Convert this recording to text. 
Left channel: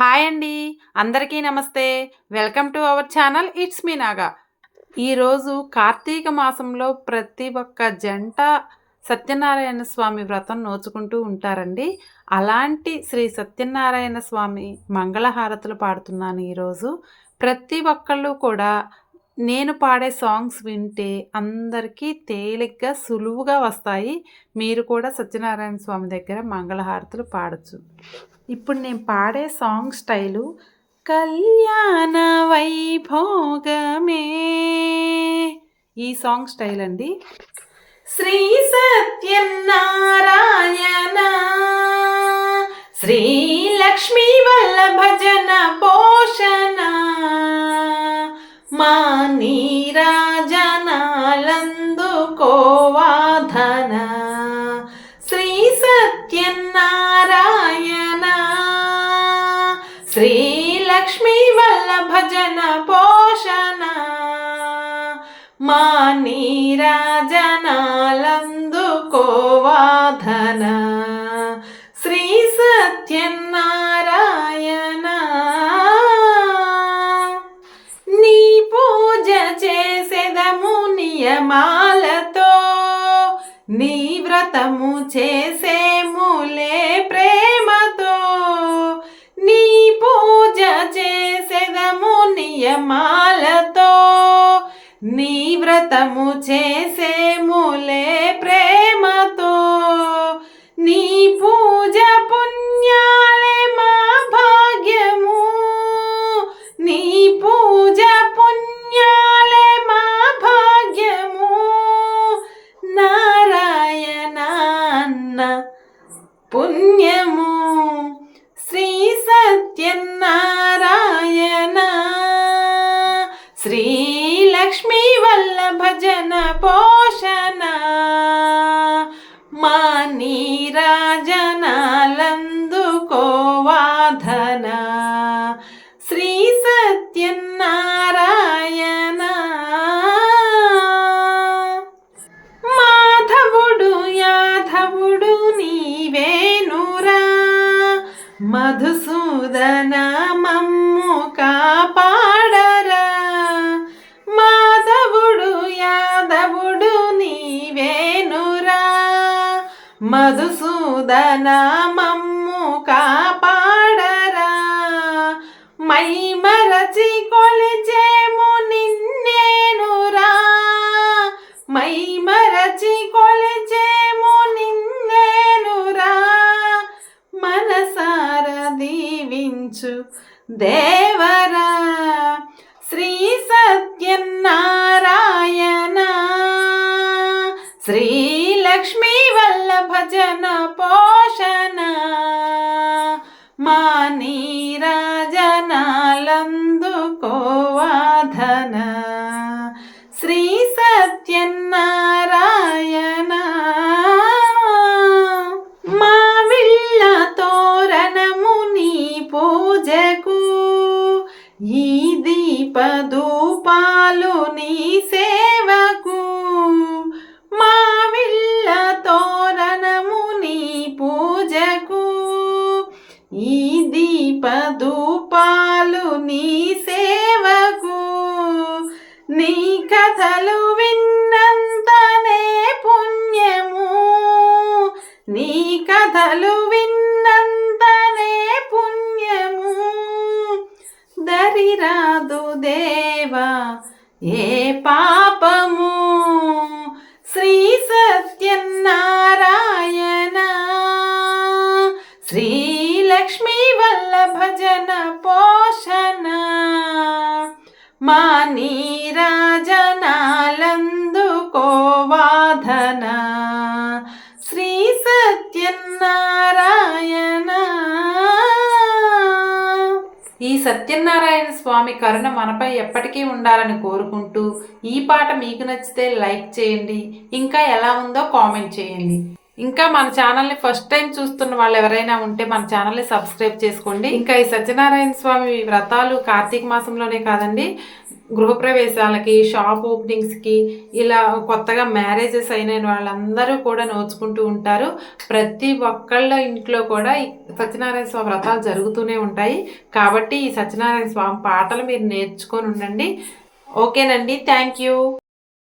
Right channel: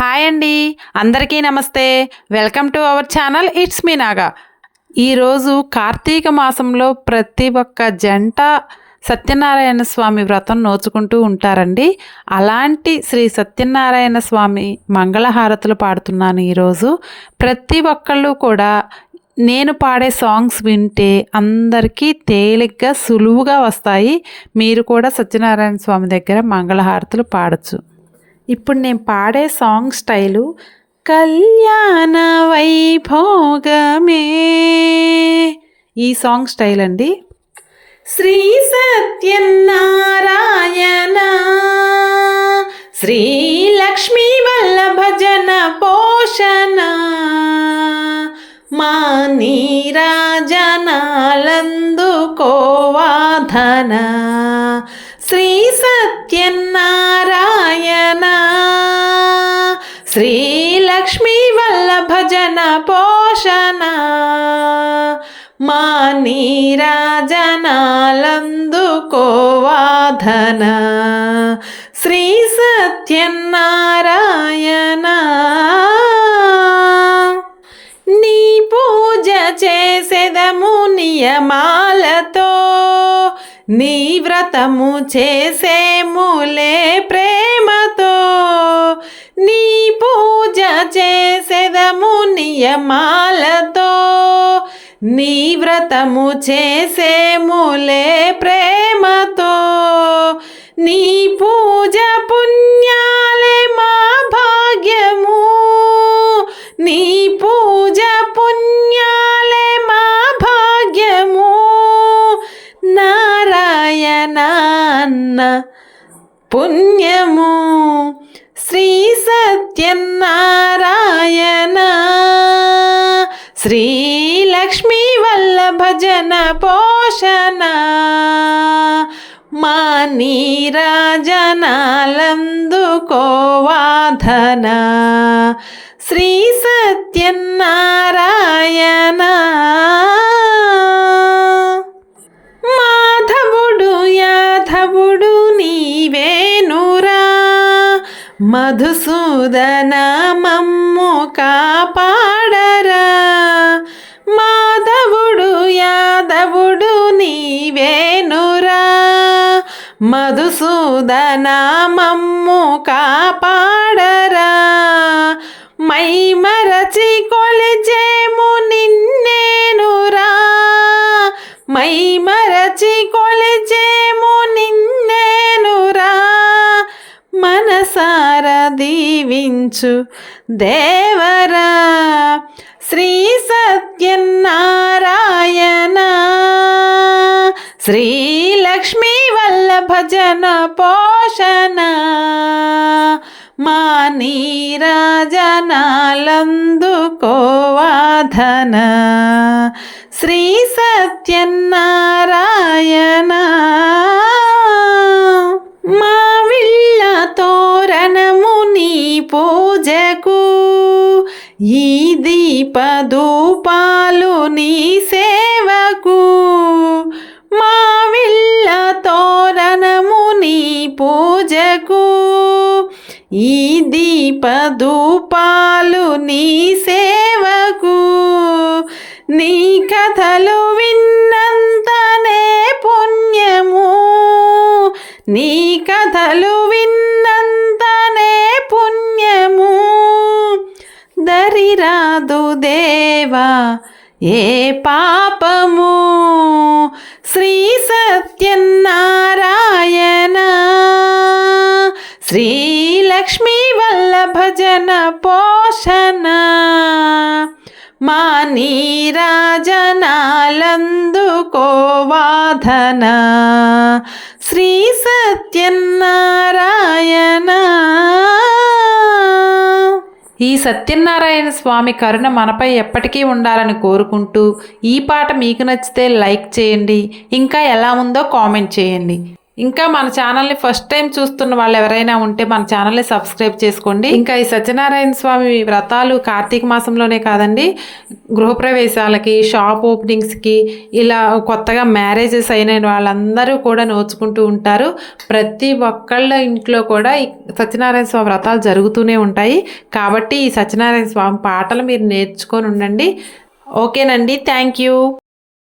Hi అండి. అందరికీ నమస్తే. Welcome to our channel it's me Naga. ఈరోజు కార్తీక మాసంలో ప్రతి ఒక్క జంట సత్యనారాయణ స్వామి వ్రతం నోచుకుంటూ ఉంటారండి. అలాంటి శ్రీ సత్యనారాయణ స్వామి మంగళహారతులు పాడుతున్నాను ఈరోజు ప్రతి ఒక్కళ్ళు కూడా నేను పాడే సాంగ్స్ వింటే అందరికీ తేలిగ్గా సులువుగా వస్తాయి. మీరు కూడా సత్యనారాయణ స్వామి దగ్గర మంగళహారతులు పాడచ్చు. ఇప్పుడు నేను పాడే సాంగ్ స్టైలు కళ్యాణ వైభోగమే. ఈ సాంగ్ స్టైల్ అండి. శ్రీ సత్యనారాయణ శ్రీ లక్ష్మీ వల్లభ పోషణ మా శ్రీ వల్లభజన పోషణ మా నీరాజనాలందుకోవాధన శ్రీ సత్యనారాయణ నీ పూజ చేసేదము నియమాలతో నీ వ్రతము చేసేములే ప్రే నియమాలతో నీ వ్రతము చేసేములే ప్రేమతో నీ పూజ పుణ్యాలే మా భాగ్యము. నీ పూజ పుణ్యాలే మా భాగ్యము. నారాయణ పుణ్యము. శ్రీ సత్యన్నా శ్రీలక్ష్మీ వల్లభ జన పోషణ మా నీరాజనాలందుకోవాధన. శ్రీ సత్యనారాయణ. మాధవుడు యాధవుడు నీవేనురా మధుసూదన మమ్ము మధుసూదన మమ్ము కాపాడరా. మై మరచి కొలిచేము నిన్నేనురా. మై మరచి కొలిచేము నిన్నేనురా. మనసార దీవించు దేవరా. శ్రీ సత్యనారాయణ. శ్రీ పోషణ పోషణ. మా నీరాజనాలందుకోవాధన. శ్రీ సత్యనారాయణ. మా విళ్ళ తోరణము నీ పూజకు. ఈ దీపదూపాలు నీ సే ఈ దీపధూపాలు నీ సేవకు నీ కథలు విన్నంతనే పుణ్యము. నీ కథలు విన్నంతనే పుణ్యము. దరిరాదు దేవా ఏ పా వల్లభ పోషణ. మా నీరాజనాలందుకోవాధన శ్రీ సత్యనారాయణ. ఈ సత్యనారాయణ స్వామి కరుణ మనపై ఎప్పటికీ ఉండాలని కోరుకుంటూ ఈ పాట మీకు నచ్చితే లైక్ చేయండి ఇంకా ఎలా ఉందో కామెంట్ చేయండి. ఇంకా మన ఛానల్ని ఫస్ట్ టైం చూస్తున్న వాళ్ళు ఎవరైనా ఉంటే మన ఛానల్ని సబ్స్క్రైబ్ చేసుకోండి. ఇంకా ఈ సత్యనారాయణ స్వామి వ్రతాలు కార్తీక మాసంలోనే కాదండి. గృహప్రవేశాలకి షాప్ ఓపెనింగ్స్కి ఇలా కొత్తగా మ్యారేజెస్ అయిన వాళ్ళందరూ కూడా నోచుకుంటూ ఉంటారు. ప్రతి ఒక్కళ్ళ ఇంట్లో కూడా ఈ సత్యనారాయణ స్వామి వ్రతాలు జరుగుతూనే ఉంటాయి. కాబట్టి ఈ సత్యనారాయణ స్వామి పాటలు మీరు నేర్చుకొని ఉండండి. ఓకేనండి. Thank you.